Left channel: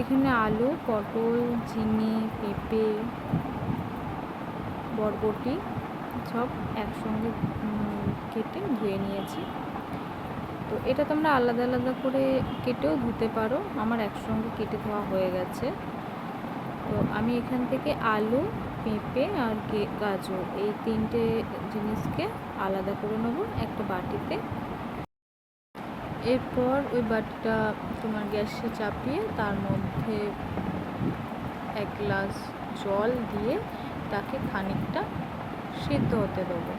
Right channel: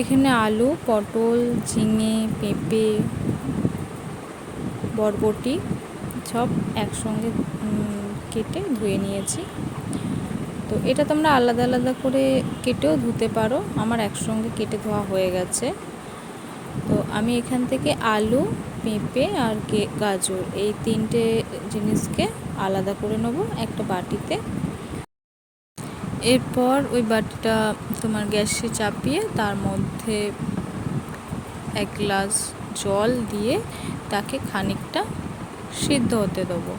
এখানে আলু, পটল, ঝিঙে, পেঁপে, বরবটি সব একসঙ্গে কেটে ধুয়ে নিয়েছি। তো এটা তোমরা আলাদা আলাদা করে কেটেও ধুতে পারো, আমার একসঙ্গে কেটে ধোয়া হয়ে গেছে। তো আমি এখান থেকে আলু, পেঁপে আর গাজর এই তিনটে জিনিসকে আলাদা করে নেব একটা বাটিতে। এরপর ওই বাটিটা তোমার গ্যাসে চাপিয়ে তার মধ্যে 1 গ্লাস জল দিয়ে তাকে খানিকটা সিদ্ধ হতে দেবো।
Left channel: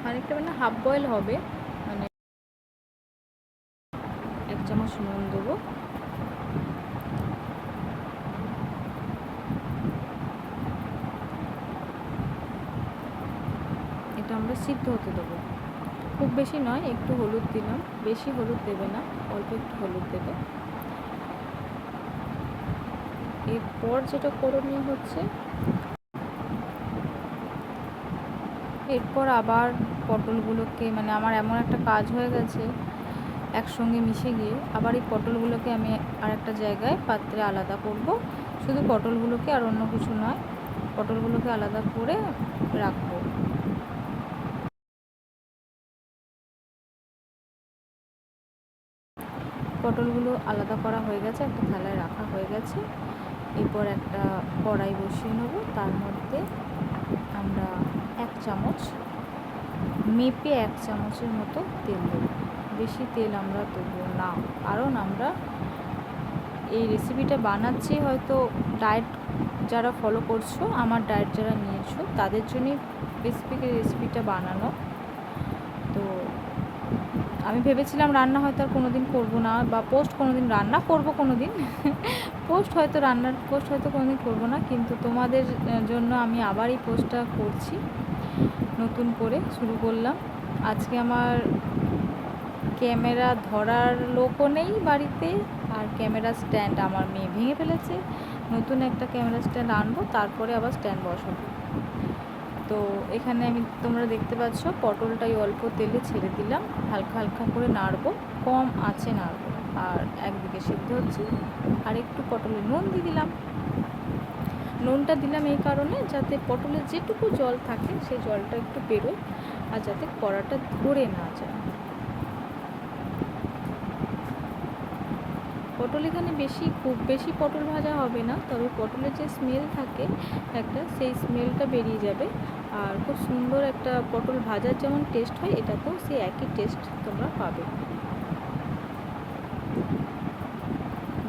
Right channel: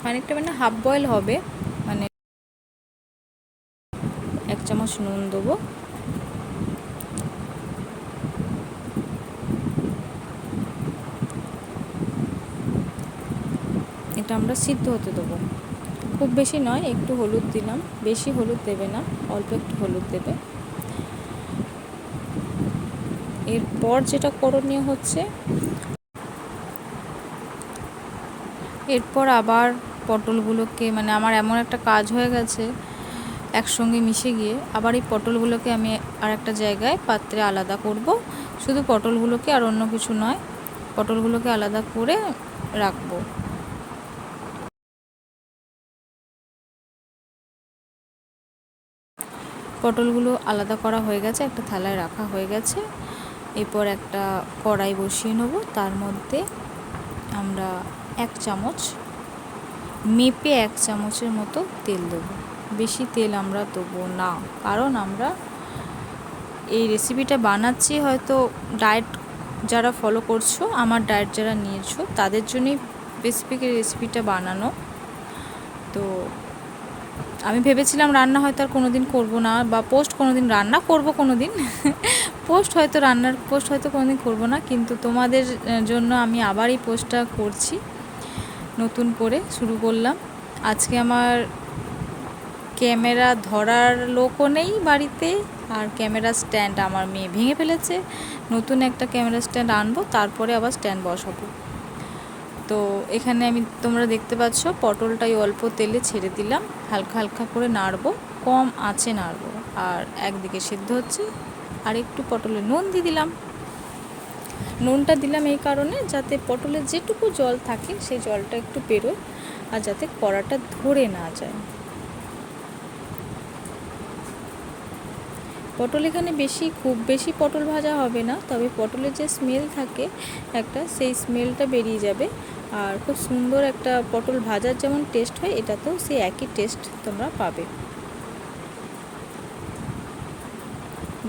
খানিকটা মানে হাফ বয়েল হবে, মানে 1 চামচ নুন দেবো। এটা আমরা সিদ্ধ হতে দেবো, খুব বেশি নয়, একটু হলুদ দিলাম, বেশি হলুদ দেবে না, অল্প একটু হলুদ দেবে। এরপর যেটা করণীয় হচ্ছে, এরপর আবার পটলগুলোকে, মানে আমার এমন একটা কাজ হয়ে গেছে একসঙ্গে মিশে গিয়ে, আবার এই পটলগুলোকে আমি আর একটা জায়গায় পাত্রে আলাদা করব। শুধু পটলগুলোকে, আর অন্য কিছু নয়, পটলগুলোকে আলাদা করে রাখবো। পটলগুলো আলাদা করা হয়ে গেছে, একটা থালায় রাখা হয়ে গেছে। এরপর একটা কড়াই বসিয়ে নেব, তার মধ্যে আমরা 1 চামচ, মেপে 1 চামচের মতো তেল দেবো। বেশি তেল আমরা দেবো না, কারণ আমরা এই রেসিপিটা বানাচ্ছি হয়তো ডায়েট যারা ফলো করছো, আমার ডায়েট যারা নিয়েছো তাদের জন্যই স্পেসিফিক এই রেসিপিটা বানানো। তো আমি ভেবেছিলাম রান্না হয়তো আর কোনো দিন করবো না, বা পোস্ট কোনো দিন রান্না করবো কোনো দিন রান্নার পোস্ট হয়তো কোনো দিন করবো না, কিন্তু তোমাদের জন্য আমি আবার এই পোস্টটা করছি, নতুন করে শুরু করলাম। আজকে আমার ক্যামেরা ধরার লোকও নেই বাড়িতে, আর ক্যামেরা স্ট্যান্ড আমার মেয়ে ভেঙে ফেলেছে, নতুন একটা ক্যামেরা স্ট্যান্ড আনবো, তারপরে আবার স্ট্যান্ড বসাবো। তো এখানে আমি, তোমরা দেখতে পাচ্ছ, পটলটাই অল্প তেলে ছেড়ে দিলাম, হালকা হালকা করে নাড়বো, কম আঁচে নাড়বো। আর একদিকে সিদ্ধ হচ্ছে, আর একটু পটলে নুন দিয়ে দিলাম। নুনটা দিলাম এই কারণে, যাতে পটলের যেটুকু জল থাকে সেই জলটা একটু বেরোয়, আর যাতে কড়াটা ধরে না যায়। পটল এখানে খুব বেশি পটল ভাজা হবে না, তবে পটলের যে স্মেল থাকে একটা, সেই স্মেলটা বেরিয়ে যাবে, আর খুব সুন্দর একটা পটল ভাজার যেমন টেস্ট হয়, এটাতেও সেই একই টেস্ট তোমরা পাবে।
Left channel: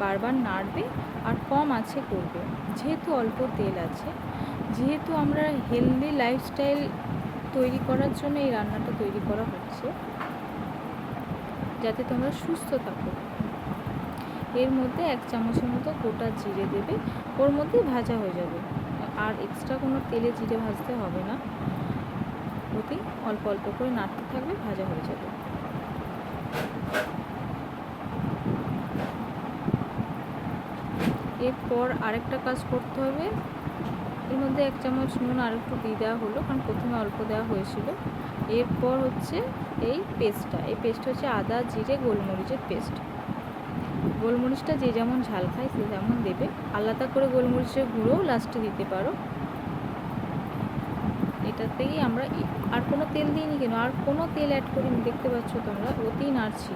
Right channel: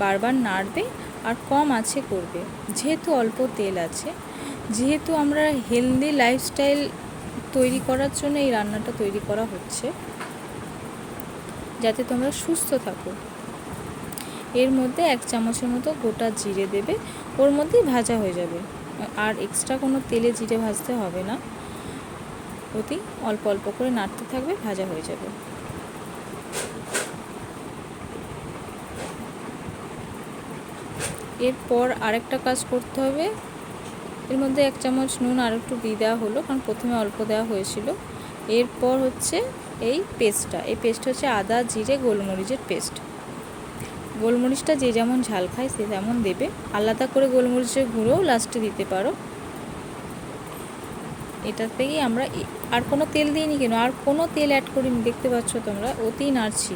বারবার নাড়বে আর কম আঁচে করবে, যেহেতু অল্প তেল আছে, যেহেতু আমরা হেলদি লাইফস্টাইল তৈরি করার জন্য এই রান্নাটা তৈরি করা হচ্ছে, যাতে তোমরা সুস্থ থাকো। এর মধ্যে 1 চামচের মতো গোটা জিরে দেবে, ওর মধ্যেই ভাজা হয়ে যাবে, আর এক্সট্রা কোনো তেলে জিরে ভাজতে হবে না, অতি অল্প অল্প করে নাড়তে থাকবে, ভাজা হয়ে যাবে। এরপর আরেকটা কাজ করতে হবে, এর মধ্যে 1 চামচ নুন আর একটু দিয়ে দেওয়া হলো, কারণ প্রথমে অল্প দেওয়া হয়েছিল। এরপর হচ্ছে এই পেস্টটা হচ্ছে আদা, জিরে, গোলমরিচের পেস্ট। গোলমরিচটা যে যেমন ঝাল খায় সে তেমন দেবে, আলাদা করে গোলমরিচের গুঁড়োও লাস্টে দিতে পারো। এটাতেই আমরা, আর কোনো তেল দিইনি কেন, আর কোনো তেল অ্যাড করিনি, দেখতে পাচ্ছ তোমরা, অতি নাড়ছি।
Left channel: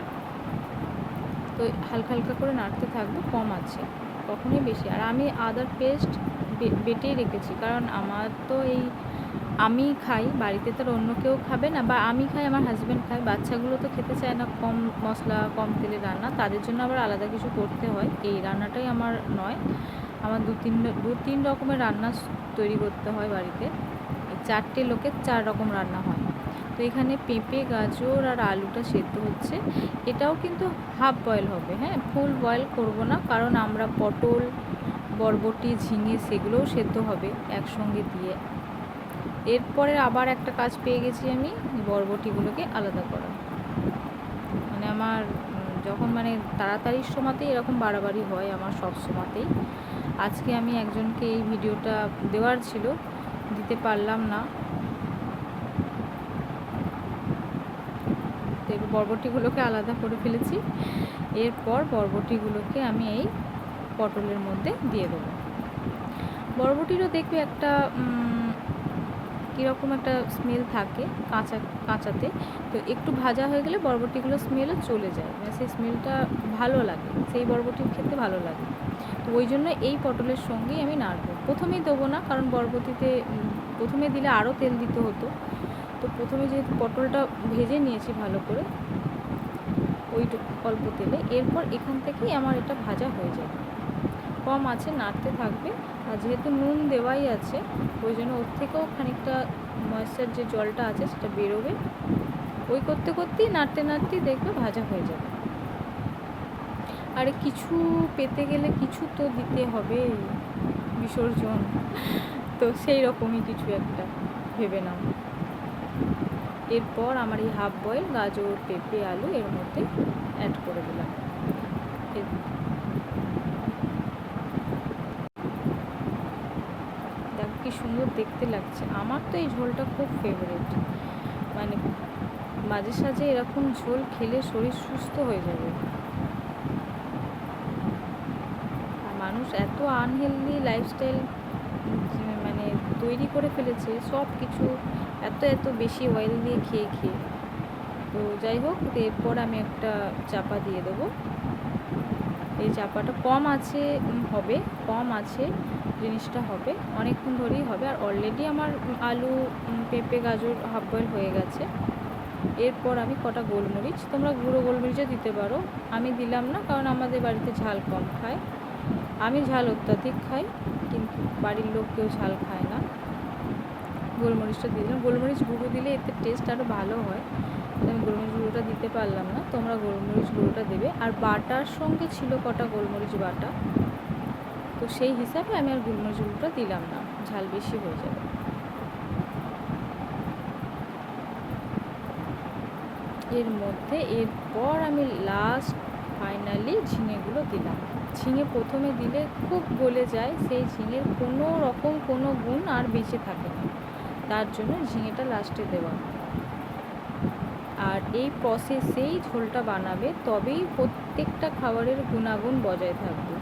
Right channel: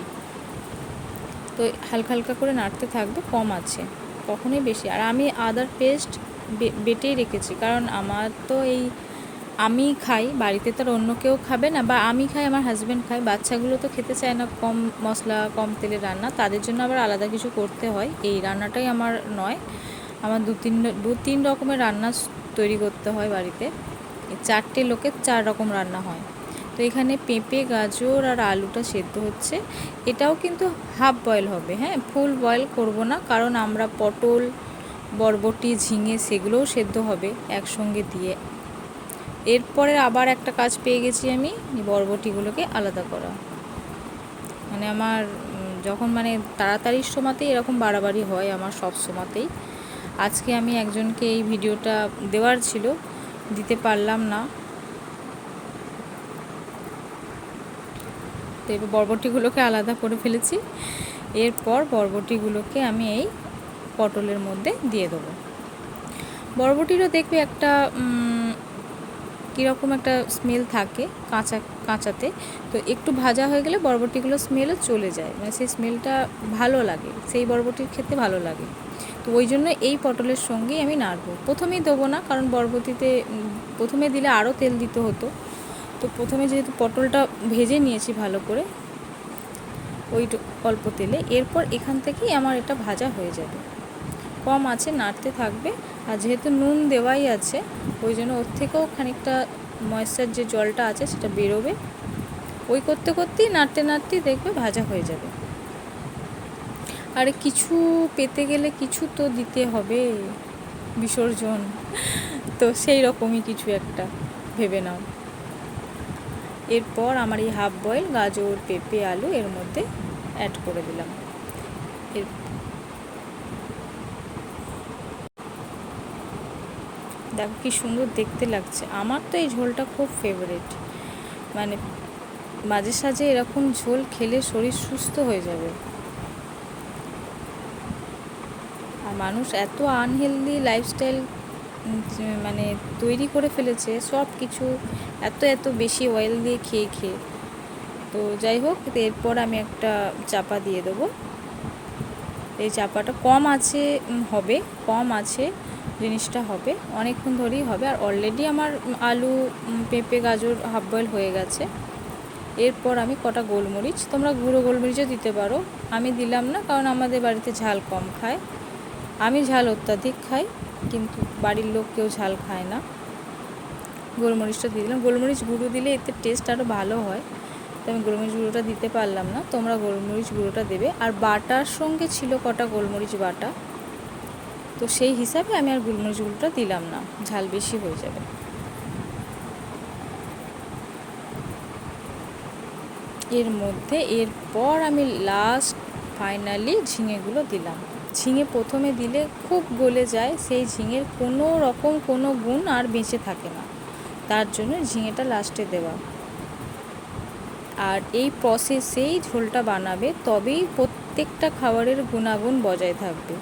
তো হালকা হালকা করে নাড়তে থাকবে, কম আছে, কখনোই বেশি। আর আমি আদার পেস্ট বেটেই রেখেছি, কারণ আমার তো আমি খাই, বাড়িতে তো অন্য কেউ খাবে না, বা আমি খাই, আমার হাজব্যান্ড খায়, বাচ্চাগুলো তো খেতে চায় না কম মশলা কম তেলের রান্না, তাদের জন্য আবার আলাদা কিছু করতে হয়। এই রান্নাটাই আমার নয়, আমার দু তিন রকমের রান্না তৈরি করতে হয় বাড়িতে, 4টে লোকের 4 রকম রান্না হয়। তো এখানে পেঁপে, গাজর আর আলুটা সেদ্ধ হচ্ছে, এটাও কিন্তু হাফ বয়েল হবে, হ্যাঁ, ফুল বয়েল করব না, কারণ আমরা পটল, বরবটি, ঝিঙে সেগুলোও সেদ্ধ হবে একসঙ্গে দিয়ে। এরপরে আবার একটা কাজ পেয়ে গেছি আমি, বরবটিগুলোকে আলাদা করা। মানে আমার যখন মানে তাড়াতাড়ির সময়তেই এরকম বাড়াবাড়ি হয় আমার, সব সময়তেই। আজকে আমি একজনকে এই ভিডিওটা দেওয়ার ছিল, দিতে পারলাম না। তো এবার বরবটিগুলোকে আলাদা করে ফেলেছি। এরপর বরবটিগুলোকে আমি এই পটলের মধ্যে দিয়ে দেবো। বরবটিরও দেখবে একটা কীরকম একটা স্মেল থাকে কাঁচাতে, তো একটু ভাজা হয়ে গেলে বরবটিগুলো স্মেলও চলে যায়, মানে সেই স্মেলটা ভালো লাগে, সেই বরবটির খেতে ভালো লাগে। তো ওই জন্য এই পটলের সঙ্গেই আমি নাড়বো। প্রথমেই দেবো না, কারণ বরবটিতে প্রথমে দিলে আরও তেল দিতে হতো। তো প্রথমে যেহেতু পটলটা ভেজে নিয়েছি ভালো করে অল্প তেলে, এরপর এখান থেকেই আমার এটা ভাজা হয়ে যাবে। কম আছে নাড়তে থাকবে, আর যেহেতু নুন দেওয়াই আছে ওই জন্য ওর থেকেও খানিকটা ময়েশ্চার যে জলটা আছে সেটা বেরোবে। ওই করতে করতেই নাড়তেই দেখবে ভাজা হয়ে যাবে। আর কিছু পেতে গেলে কিছু তো দিতে হবে, বিসর্জন, তো সেই রকমই কিছু একটা ভেবে নাও। এরপর আমার এই হাফ বয়েল গাজর, পেঁপে, আলু এর মধ্যে অ্যাড করে দিলাম। দেখো কি সুন্দর দেখতে লাগছে। আমার তো এই ঝোলটা খুব ফেভারিট, মানে মাঝে সাঝে এরকম ঝোল খেলে শরীর সুস্থ হয়ে যাবে। আর মানুষ এত আনহেলদি লাইফস্টাইল মানে তৈরি করে ফেলেছে, সব কিছু এত বেশি অয়েল দিয়ে খেয়ে। তো যাই হোক, এরপর আমি একটা চাপা দিয়ে দেবো। এই চাপাটা কম আছে জিনিসটা হবে অনেকক্ষণ ধরেই হবে। আর অলরেডি আমার আলু, পেঁপে, গাজর হাফ বয়েল হয়ে গেছে। এরপর আমি কটা গোলমরিচ, তোমরা গুঁড়ো গোলমরিচও দিতে পারো, আমি দিলাম না কারণ আমাদের বাড়িতে ঝাল কম খায়। আমি ঝাল অত্যাধিক খাই, কিন্তু বাড়ির লোক কেউ ঝাল খায় না। গোলমরিচটা দিয়ে দিলাম। গোলমরিচ গুঁড়ো দিলে এতে টেস্ট আরও ভালো হয়, তো আমি গোলমরিচ গুঁড়োটা দিতে পারলাম না, তোমরা গোলমরিচ গুঁড়োটা দেবে। আর বাটার সঙ্গে ছিল কটা গোলমরিচ বাটা, তো সেই হিসাবে আমি আর গোলমরিচ গুঁড়োটা দিলাম না, ঝাল বেশি হয়ে যাবে। এর মধ্যে এরপর আমি লাস্ট ফাইনালি ঝিঙেগুলো দিলাম। ঝিঙে প্রথমে দিলে খুব গলে যায়, সেই ঝিঙের কোনো গুণ আর বেঁচে থাকে না, তার জন্য ঝিঙেটা লাস্টে দেওয়া। আর এই প্রসেসেই ঝোলটা বানাবে, তবেই প্রত্যেকটা খাবারের গুণাগুণ বজায় থাকবে।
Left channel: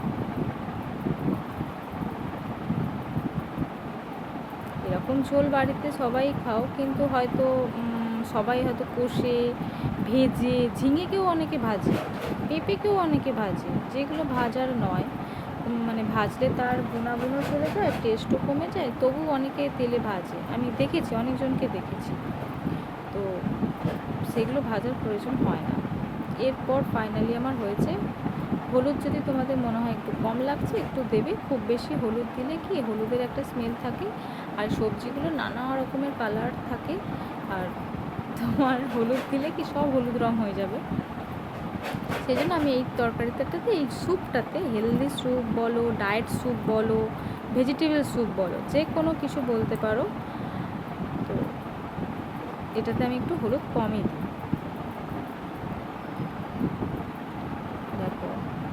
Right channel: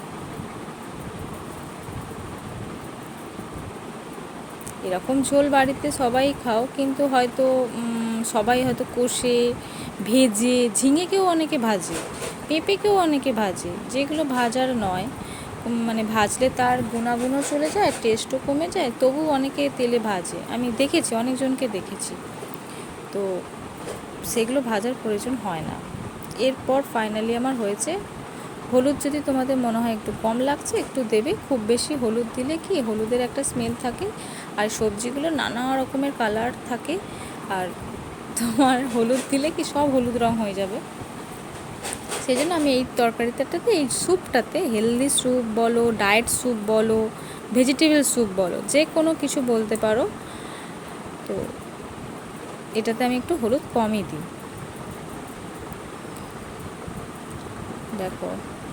এরকম ঝোল বাড়িতে সবাই খাও, কিন্তু হয়তো সবাই হয়তো কষে ভেজে, ঝিঙেকেও অনেকে ভাজে, পেঁপেকেও অনেকে ভাজে, যেগুলো ভাজার নয়, মানে ভাজলে তার গুণাগুণও চলে যায়, টেস্টও কমে যায়, তবু অনেকে তেলে ভাজে, আমি দেখেছি, অনেকজনকে দেখেছি। তো সেগুলো ভাজার প্রয়োজন হয় না। এরপর ফাইনালি আমার হয়েছে। হলুদ যদি তোমাদের মনে হয় একটু কম লাগছে একটু দেবে, খুব বেশি হলুদ দিলে কি হলুদের একটা স্মেল থাকে, আর সবজিগুলো নানা রকমের কালার থাকে, আর তোমার হলুদ দিলে কি সব হলুদ রং হয়ে যাবে। সেই জন্য আমি এই তরকারিটাতে, এই স্যুপটাতে, হেলদি স্যুপ বলো, ডায়েট স্যুপ বলো, ভেজিটেবল স্যুপ বলো, যে কোনো কিছু বলতে পারো, তো এটাতে আমি একটু হলুদ কমই দিই। দেখো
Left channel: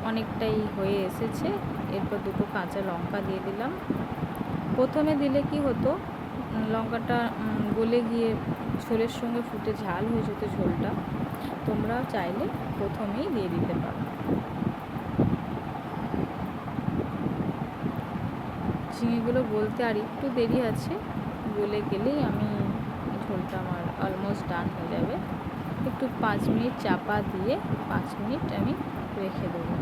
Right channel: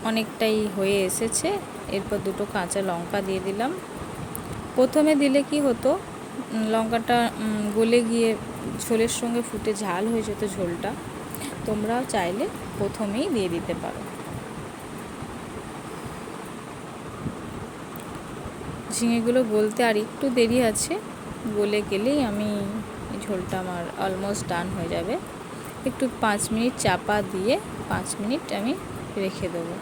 অনেকটাই হয়ে এসেছে। এরপর দুটো কাঁচা লঙ্কা দিয়ে দিলাম। প্রথমে দিলে কি হতো, লঙ্কাটা গলে গিয়ে ঝোলের সঙ্গে ফুটে ঝাল হয়ে যেত ঝোলটা, তোমরাও চাইলে প্রথমেই দিয়ে দিতে পারো। ঝিঙেগুলো গলতে আর একটু দেরি আছে, গলে গেলেই আমি ঝোলটা আমার অলমোস্ট ডান হয়ে যাবে। একটু 5 মিনিট চাপা দিয়ে 5 মিনিট আমি রেখে দেবো।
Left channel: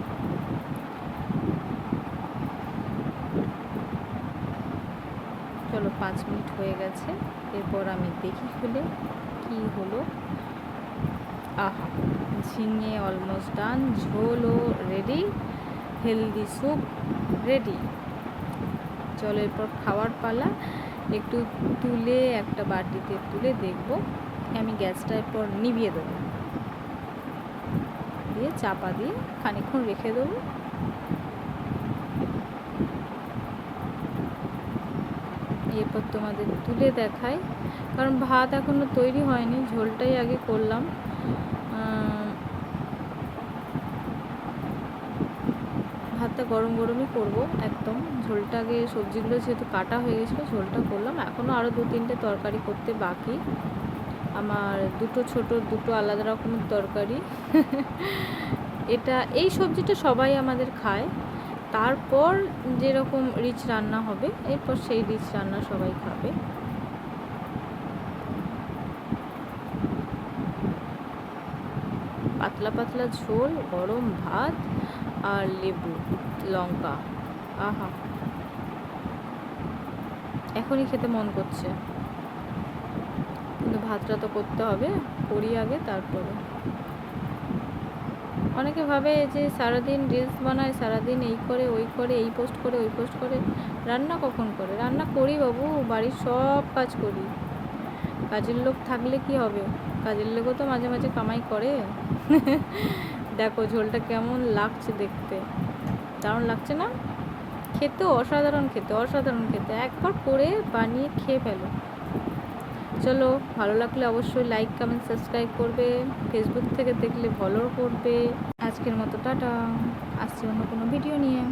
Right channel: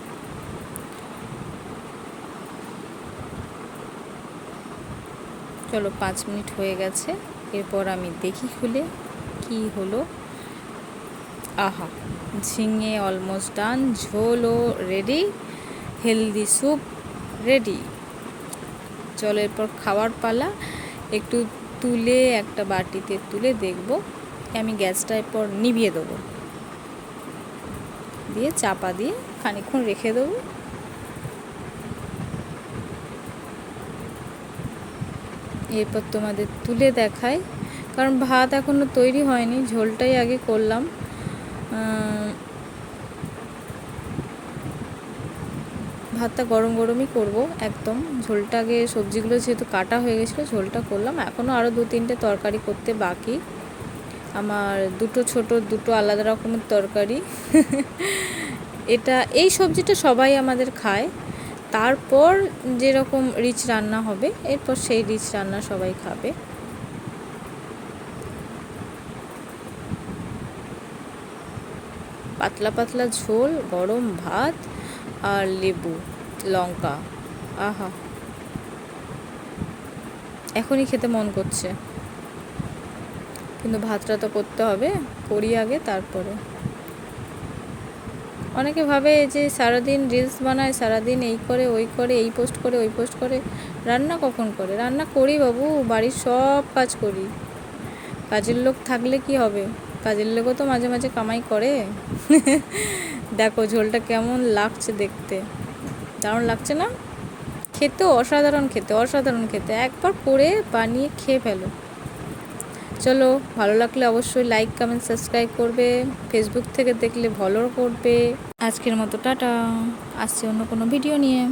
চলো 5 মিনিট হয়ে গেছে, এরপর আমি দেখি খুলে কি হলো। আহা, ঝিঙে অলমোস্ট ডান, ঝোলও রেডি, হেলদি স্যুপ রেডি। চলো এরপর খাওয়ার পালা। একটু তুলে একটা বাটিতে তুলে দেখবো, আমি গ্যাসটা এরপর নিভিয়ে দেবো, দিয়ে চাপা দিয়ে খানিকক্ষণ রেখে দেবো। এরপর তোমাদের তুলে দেখাই, কারণ ভাত এখনও তৈরি হয়নি, ঝোলটাই আগে করলাম। ভাতটা গরম গরমই করব একদম, ঝোলটা আগে, সবজিগুলো যেহেতু কাটা হয়ে গেছিলো ঝোলটা করলাম, এখনও আরও 2-3টে তরকারি করতে বাকি আমার, দুটো আলাদা রকমের তরকারি। এই সবজিটা সবাই আমাদের খায়, তারপর যেরকম রিচ রান্না হবে এরপর সেই রিচ রান্না সবাই খাবে। পাতলা পাতলা ঝোল, গরম ভাত আর লেবু লঙ্কা, আহা এখনই খেতে মন করছে। কিন্তু ভাতটা তো করতে হবে, করি আগে তারপরে। অনেকে ভাবে যে সারাদিন রিলস বানায়, সারাদিন এই করে ওই করে, এই পোস্ট করে ওই পোস্ট করে, রান্না কখন করে? রান্না করি বাবু, বাড়ির সব কাজ করি। কাজের লোক থাকলে কি হবে? কাজের লোকও তো মাঝে মাঝে কামাই করে। দেখো ঝোলটা কেমন লাগছে দেখতে, দারুণ লাগছে না? খেতেও অসাধারণ, খেতে অসাধারণ খেতে। একবার করে বানিয়ে খেয়ে ফেলো। চলো, ভালো লাগলে অবশ্যই লাইক কমেন্ট সাবস্ক্রাইব করবে, ফেসবুক থেকে দেখলে ফলো করবে। আজকের মতো টাটা, আসছে অন্য কোনো ভিডিও নিয়ে।